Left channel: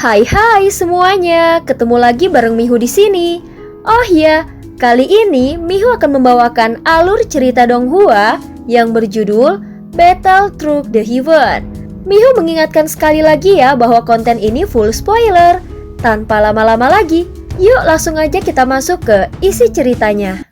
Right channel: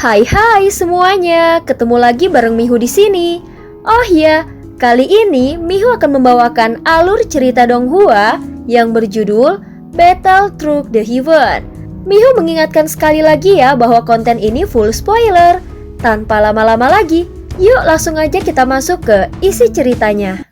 Hai semuanya, ketemu lagi bareng Mihu di sini. Oh ya, kali ini Mihu akan membawakan alur cerita Donghua yang berjudul Battle Through the Heaven. Mihu mengingatkan sekali lagi ya bahwa konten ini full spoiler. Tanpa lama-lama lagi, yuk langsung aja kita masuk ke isi ceritanya.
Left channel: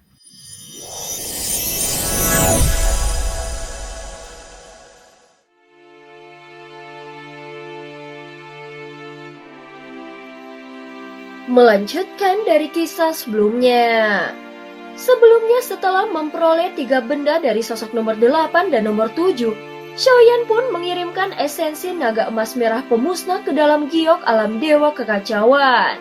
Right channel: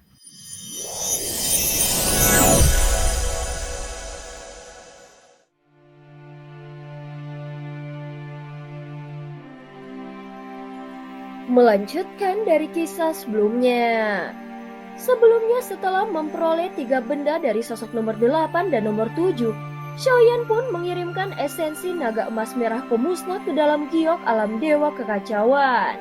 Melanjutkan dari kisah sebelumnya. Sebelumnya setelah memperoleh 3 benda dari sosok nomor 8 dan nomor 7, Xiaoyan pun mengirimkan esensi naga emas merah pemusnah ke dalam giok alam dewa kekacauan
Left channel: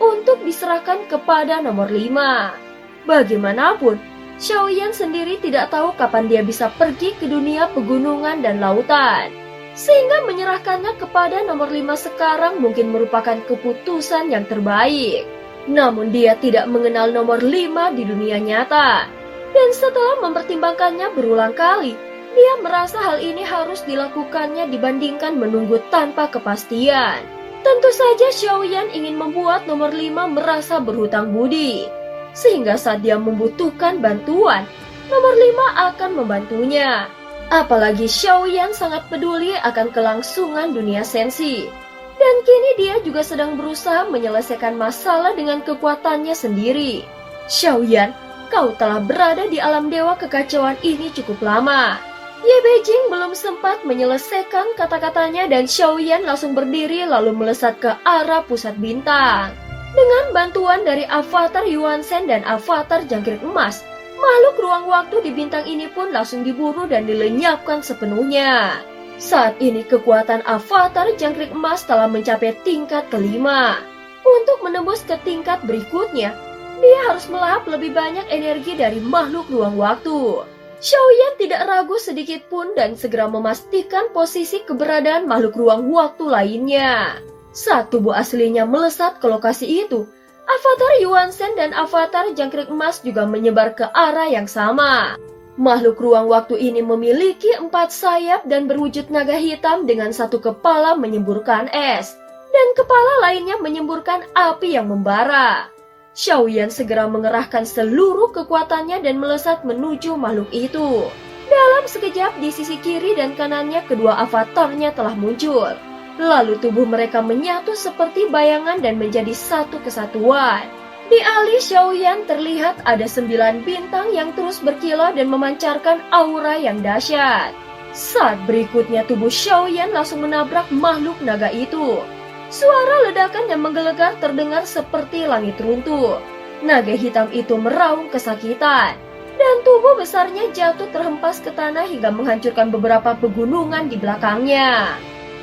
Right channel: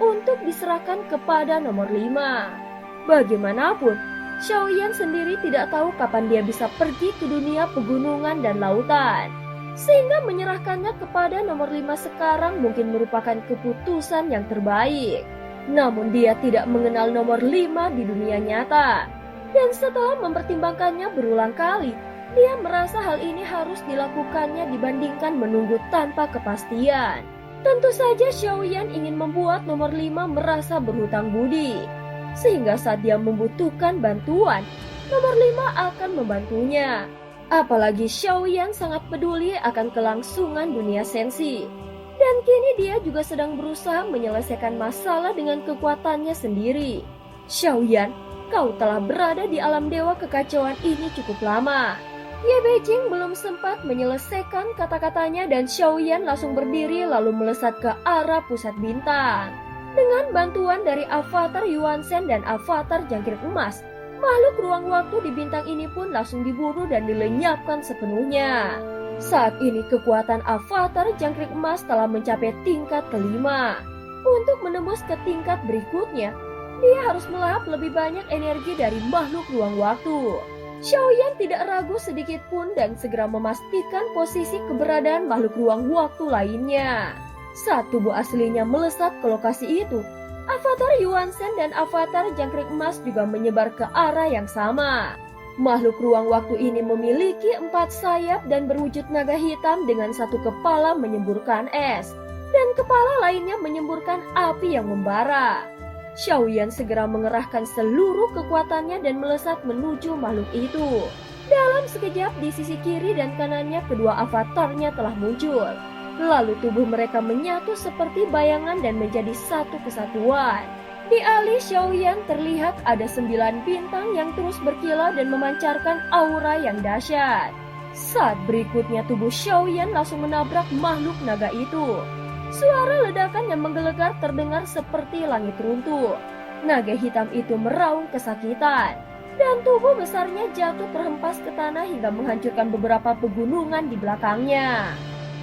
untuk diserahkan kepada nomor 5. Bagaimanapun, Xiaoyan sendiri tidak tahu kapan dia bisa pergi ke dunia pegunungan dan lautan. Sehingga menyerahkannya kepada nomor 5 sekarang mungkin merupakan keputusan yang terbaik. Namun dia tidak mengenal nomor 5 di dunia nyata. Dan setelah mempertimbangkannya berulang kali, dia merasa hal ini harus dilakukannya dibandingkan menunggu tanpa kepastian. Tentu saja Xiaoyan ingin membuat nomor 5 merasa berhutang budi. Sehingga saat dia membutuhkan bantuan, nomor 5 akan membantunya. Apalagi Xiaoyan sangat peduli akan kelangsungan dunia sensi. Dan kini dia juga sedang berusaha menyelesaikan masalah dengan kekuatannya sendiri. Xiaoyan, kau telah berada di alam dewa kekacauan ini cukup lama. Ye Beijing belum sempat menyelesaikan kata-katanya dan Xiaoyan langsung berdiri lalu melesat ke arah pusat bintang. Dengan bantuan dari avatar Yuan Shen dan avatar jangkrik emas, makhluk ruang waktu di bintang ini pun langsung diburu dan dilenyapkan sepenuhnya. Saat ini kekuatan avatar jangkrik emas telah mencapai tingkat kelima. Untuk menembus ke tingkat berikutnya, dia harus melahap lebih banyak energi dari makhluk ruang waktu. Xiaoyan tidak ragu sedikit pun dan segera memastikan posisi keberadaan makhluk ruang waktu lainnya. Saat tubuh aslinya melesat ke lokasi itu, avatar Yuan Shen dan avatar jangkrik emas juga menyebar ke arah yang sama. Makhluk ruang waktu ini memiliki 4 sayap dan berwujud naga hitam dengan 1 kepala menyemburkan es, dan kepala lainnya menyemburkan api yang membara. Xiaoyan segera mengerahkan seluruh kekuatannya dan melesat menuju makhluk itu. Dalam sekejap di sisi kiri dan kanannya kedua avatarnya telah muncul. Lalu tubuh mereka menyatu seperti bayangan dan menjadi satu kesatuan. Di alis Xiaoyan terlihat ada 9 bintang yang terus berkilau dan memancarkan aura yang dahsyat. Saat berikutnya tubuh Xiaoyan langsung menabrak makhluk naga itu. Suara ledakan yang menggelegar terdengar seperti langit runtuh. Naga hitam itu meraung kesakitan. Dan tubuh besarnya jatuh terhempas ke tanah hingga menghancurkan beberapa pegunungan di belakangnya.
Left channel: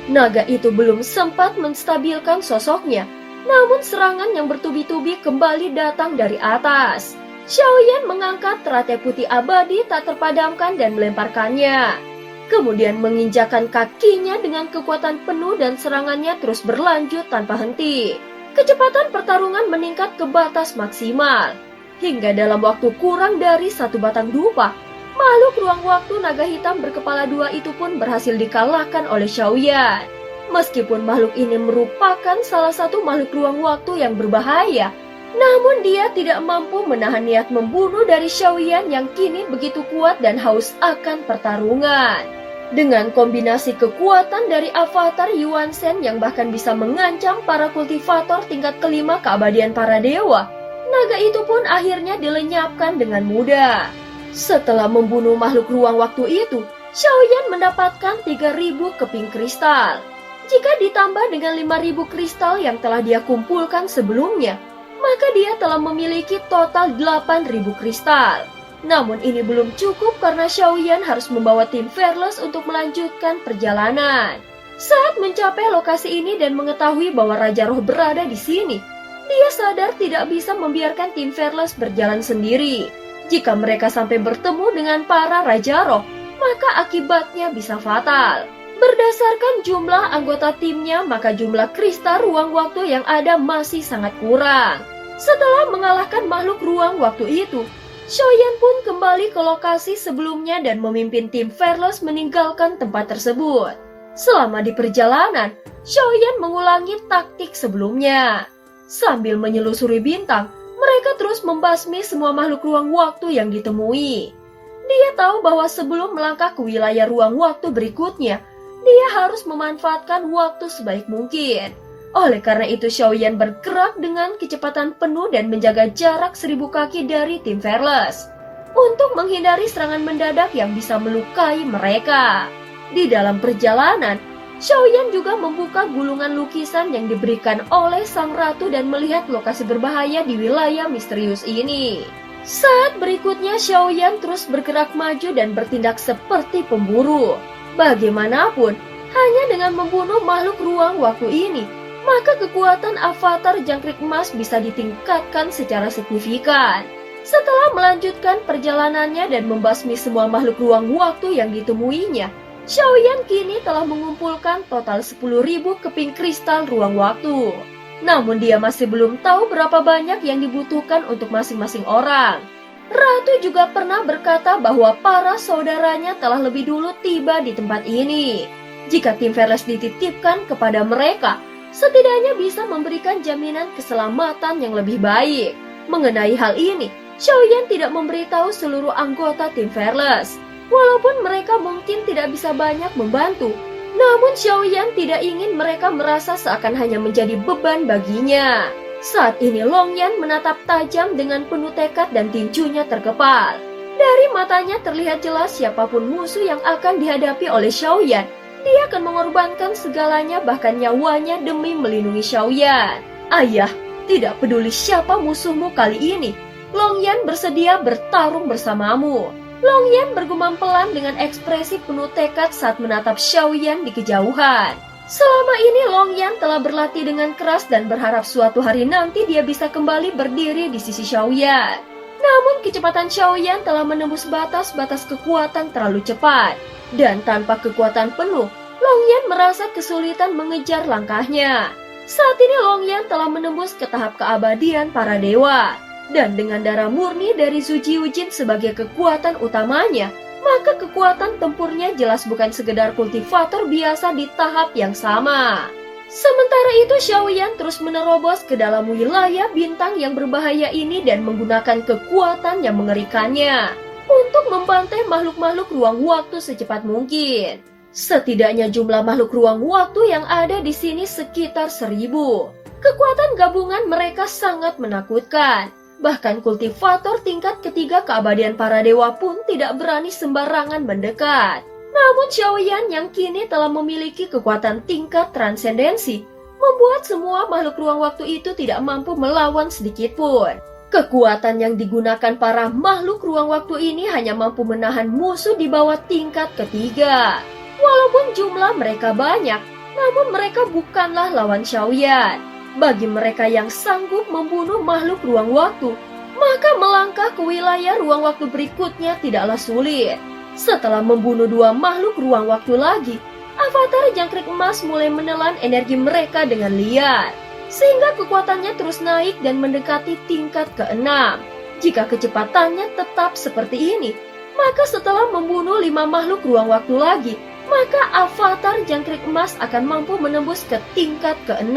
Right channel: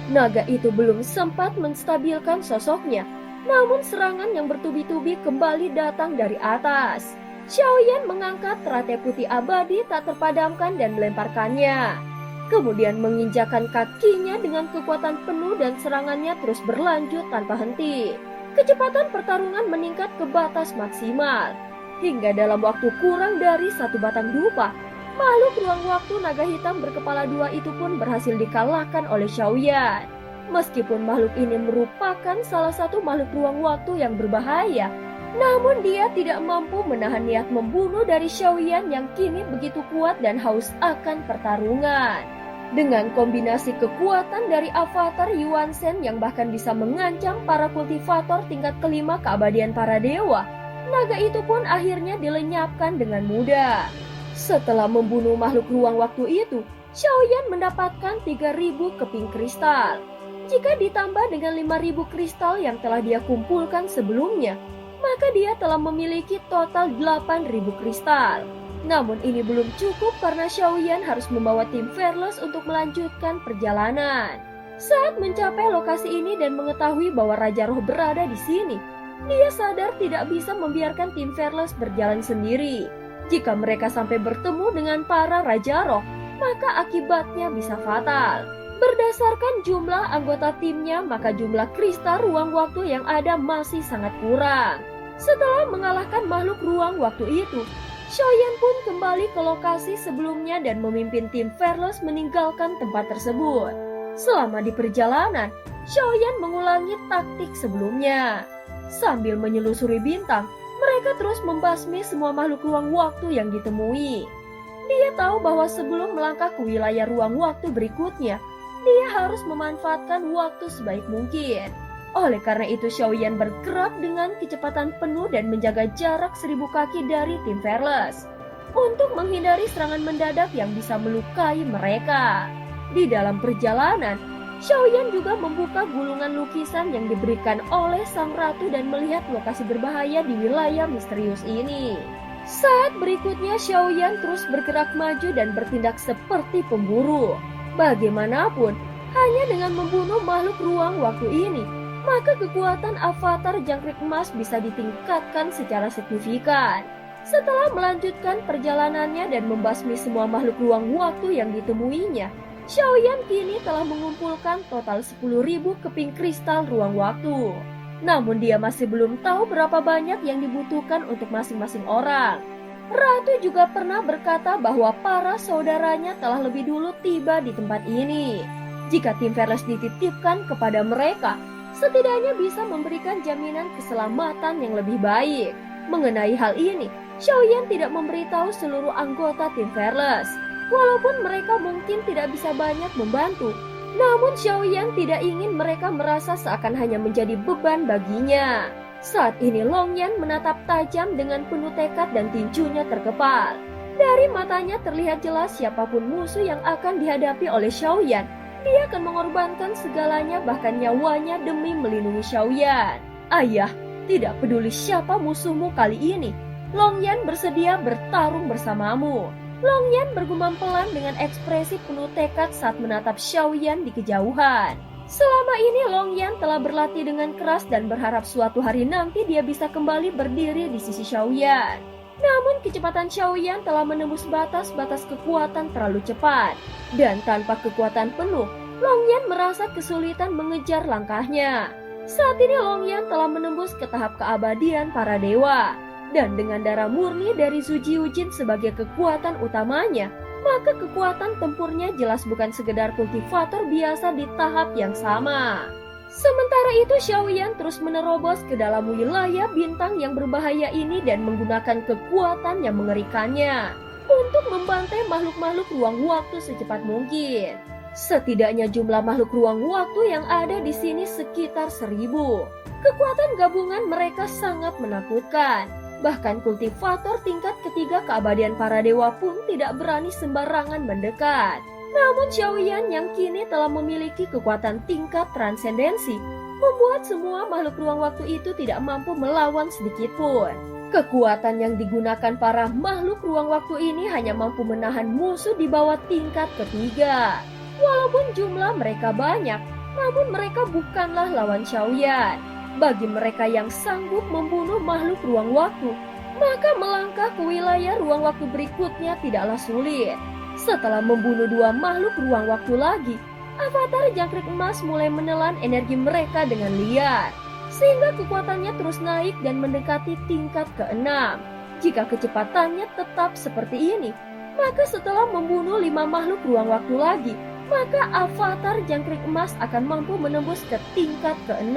Naga itu belum sempat menstabilkan sosoknya, namun serangan yang bertubi-tubi kembali datang dari atas. Xiaoyan mengangkat teratai putih abadi tak terpadamkan dan melemparkannya. Kemudian menginjakan kakinya dengan kekuatan penuh dan serangannya terus berlanjut tanpa henti. Kecepatan pertarungan meningkat ke batas maksimal. Hingga dalam waktu kurang dari 1 batang dupa, makhluk ruang waktu naga hitam berkepala 2 itu pun berhasil dikalahkan oleh Xiaoyan. Meskipun makhluk ini merupakan salah satu makhluk ruang waktu yang berbahaya, namun dia tidak mampu menahan niat membunuh dari Xiaoyan yang kini begitu kuat dan haus akan pertarungan. Dengan kombinasi kekuatan dari avatar Yuan Shen yang bahkan bisa mengancam para kultivator tingkat kelima keabadian para dewa, naga itu pun akhirnya dilenyapkan dengan mudah. Setelah membunuh makhluk ruang waktu itu, Xiaoyan mendapatkan 3.000 keping kristal. Jika ditambah dengan 5.000 kristal yang telah dia kumpulkan sebelumnya, maka dia telah memiliki total 8.000 kristal. Namun ini belum cukup karena Xiaoyan harus membawa tim Fearless untuk melanjutkan perjalanan. Saat mencapai lokasi ini dan mengetahui bahwa Raja Roh berada di sini, dia sadar tidak bisa membiarkan tim Fearless berjalan sendiri. Jika mereka sampai bertemu dengan para Raja Roh, maka akibatnya bisa fatal. Berdasarkan jumlah anggota timnya, maka jumlah kristal ruang waktu yang ada masih sangat kurang. Setelah mengalahkan makhluk ruang waktu itu, Xiaoyan pun kembali ke lokasi sebelumnya dan memimpin tim Fearless meninggalkan tempat tersebut. Selama di perjalanan, Xiaoyan mengulangi taktik sebelumnya. Sambil menyelusuri bintang, mereka terus membasmi semua makhluk ruang waktu yang ditemui. Dia tahu bahwa sebelum melangkah ke wilayah ruang waktu berikutnya, dia harus memanfaatkan waktu sebaik mungkin. Oleh karena itu, Xiaoyan bergerak dengan kecepatan penuh dan menjaga jarak 1000 kaki dari tim Fearless untuk menghindari serangan mendadak yang bisa melukai mereka. Di dalam perjalanan, Xiaoyan juga membuka gulungan lukisan yang diberikan oleh sang ratu dan melihat lokasi berbahaya di wilayah misterius ini. Saat berikutnya, Xiaoyan terus bergerak maju dan bertindak seperti pemburu. Bagaimanapun, hanya dengan membunuh makhluk ruang waktu ini, maka kekuatan avatar jangkrik emas bisa ditingkatkan secara signifikan. Setelah melanjutkan perjalanannya dan membasmi semua makhluk ruang waktu yang ditemuinya, Xiaoyan kini telah mengumpulkan total 10.000 keping kristal ruang waktu. Namun dia masih belum tahu berapa banyak yang dibutuhkan untuk masing-masing orang. Ratu juga pernah berkata bahwa para saudaranya telah lebih dulu tiba di tempat ini. Jika tim Fearless dititipkan kepada mereka, setidaknya bisa memberikan jaminan keselamatan yang lebih baik. Mengenai hal ini, Xiaoyan tidak memberitahu seluruh anggota tim Fearless. Walaupun mereka mungkin tidak bisa banyak membantu, namun Xiaoyan tidak ingin mereka merasa seakan hanya menjadi beban baginya. Saat ini Longyan menatap tajam dengan penuh tekad dan tinjunya terkepal. Dari matanya terlihat jelas siapapun musuh yang akan dihadapi oleh Xiaoyan, dia akan mengorbankan segalanya bahkan nyawanya demi melindungi Xiaoyan. Ayah, tidak peduli siapa musuhmu kali ini, Longyan bersedia bertarung bersamamu. Longyan bergumam pelan dengan ekspresi penuh tekad saat menatap Xiaoyan di kejauhan. Selama ini Longyan telah berlatih dengan keras dan berharap suatu hari nanti dia bisa kembali berdiri di sisi Xiaoyan. Namun kecepatan Xiaoyan telah menembus batas-batas kekuatan terlalu cepat. Dan tanpa kekuatan penuh, Longyan merasa kesulitan mengejar langkahnya. Saat ini Longyan telah menembus ke tahap keabadian para dewa. Dan dengan darah murni dari Zhu Jiujin sebagai kekuatan utamanya, maka kekuatan tempurnya jelas bukan sekedar kultivator biasa di tahap yang sama. Sementara itu Xiaoyan terus menerobos ke dalam wilayah bintang yang berbahaya ini dan menggunakan kekuatan yang mengerikannya untuk membantai makhluk-makhluk ruang waktu secepat mungkin. Setidaknya jumlah makhluk ruang waktu yang ada di sini sekitar 1000. Kekuatan gabungan mereka sangat menakutkan. Bahkan kultivator tingkat ketiga keabadian para dewa pun tidak berani sembarangan mendekat. Namun Xiaoyan yang kini telah memiliki kekuatan tingkat transendensi, membuat semua makhluk ruang waktu itu tidak mampu melawan sedikit pun. Kekuatan yang digunakan para makhluk ruang waktu ini hanya mampu menahan musuh di bawah tingkat ketiga. Walaupun jumlah mereka banyak, namun mereka bukanlah lawan Xiaoyan. Bagi mereka yang sanggup membunuh makhluk ruang waktu, maka melangkah ke wilayah ruang waktu berikutnya tidaklah sulit. Setelah membunuh 2 makhluk ruang waktu lagi, avatar jangkrik emas mulai menelan energi mereka dengan liar, sehingga kekuatannya terus naik dan mendekati tingkat ke-6. Jika kecepatannya tetap seperti ini, maka setelah membunuh 5 makhluk ruang waktu lagi, maka avatar jangkrik emas akan mampu menembus ke tingkat ke-6.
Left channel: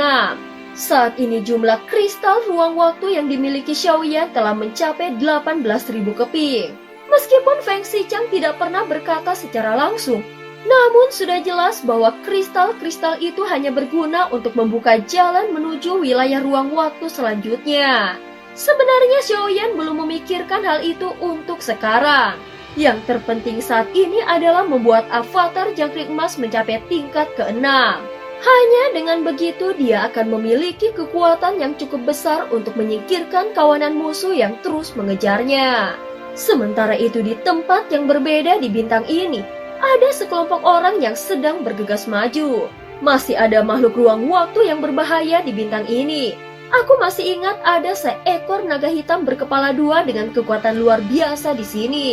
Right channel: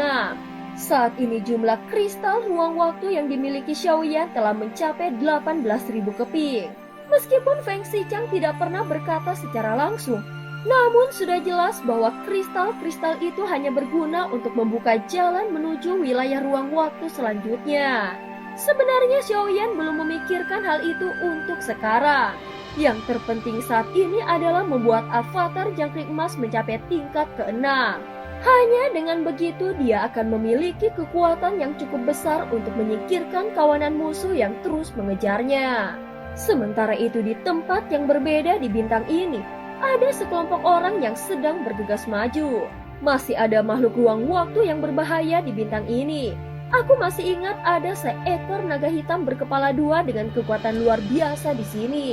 Saat ini jumlah kristal ruang waktu yang dimiliki Xiaoyan telah mencapai 18.000 keping. Meskipun Feng Xiqiang tidak pernah berkata secara langsung, namun sudah jelas bahwa kristal-kristal itu hanya berguna untuk membuka jalan menuju wilayah ruang waktu selanjutnya. Sebenarnya Xiaoyan belum memikirkan hal itu untuk sekarang. Yang terpenting saat ini adalah membuat avatar jangkrik emas mencapai tingkat ke-6. Hanya dengan begitu dia akan memiliki kekuatan yang cukup besar untuk menyingkirkan kawanan musuh yang terus mengejarnya. Sementara itu di tempat yang berbeda di bintang ini, ada sekelompok orang yang sedang bergegas maju. Masih ada makhluk ruang waktu yang berbahaya di bintang ini. Aku masih ingat ada seekor naga hitam berkepala 2 dengan kekuatan luar biasa di sini.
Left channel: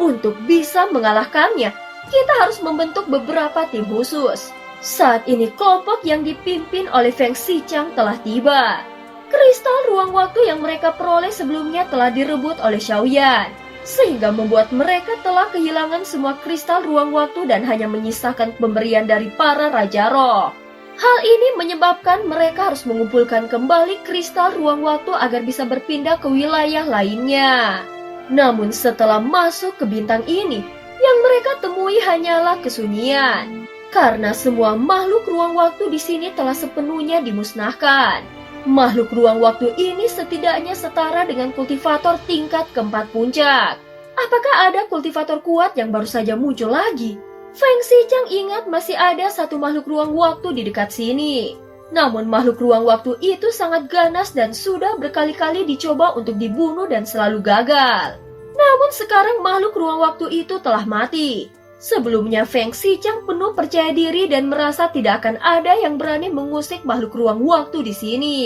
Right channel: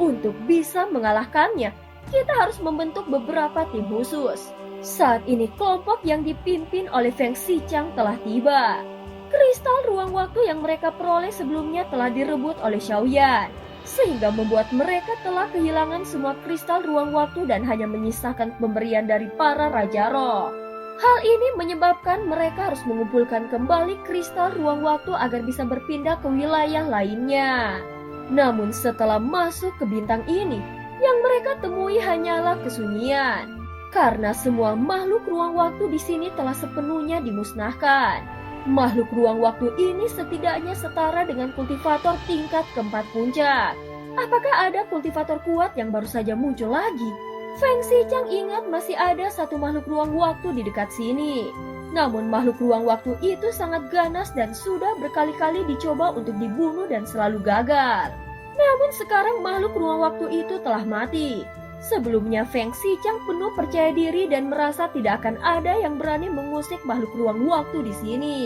Untuk bisa mengalahkannya, kita harus membentuk beberapa tim khusus. Saat ini kelompok yang dipimpin oleh Feng Xiqiang telah tiba. Kristal ruang waktu yang mereka peroleh sebelumnya telah direbut oleh Xiaoyan. sehingga membuat mereka telah kehilangan semua kristal ruang waktu dan hanya menyisakan pemberian dari para Raja Roh. Hal ini menyebabkan mereka harus mengumpulkan kembali kristal ruang waktu agar bisa berpindah ke wilayah lainnya. Namun setelah masuk ke bintang ini, yang mereka temui hanyalah kesunyian. Karena semua makhluk ruang waktu di sini telah sepenuhnya dimusnahkan. Makhluk ruang waktu ini setidaknya setara dengan kultivator tingkat keempat puncak. Apakah ada kultivator kuat yang baru saja muncul lagi? Feng Xiqiang ingat masih ada satu makhluk ruang waktu di dekat sini. Namun makhluk ruang waktu itu sangat ganas dan sudah berkali-kali dicoba untuk dibunuh dan selalu gagal. Namun sekarang makhluk ruang waktu itu telah mati. Sebelumnya Feng Xiqiang penuh percaya diri dan merasa tidak akan ada yang berani mengusik makhluk ruang waktu di sini.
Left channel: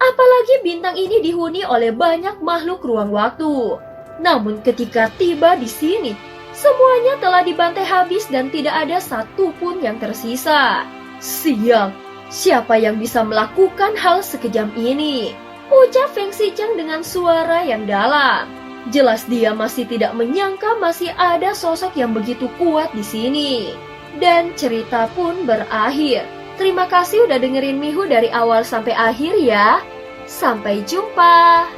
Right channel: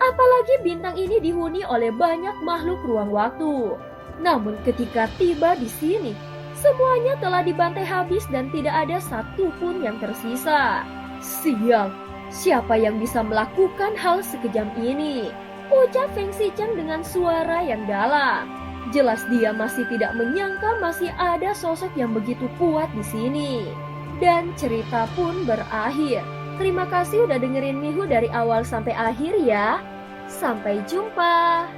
Apalagi bintang ini dihuni oleh banyak makhluk ruang waktu. Namun ketika tiba di sini, semuanya telah dibantai habis dan tidak ada satupun yang tersisa. Sial, siapa yang bisa melakukan hal sekejam ini? Ucap Feng Xiqiang dengan suara yang dalam. Jelas dia masih tidak menyangka masih ada sosok yang begitu kuat di sini. Dan cerita pun berakhir. Terima kasih udah dengerin Mihu dari awal sampai akhir ya. Sampai jumpa.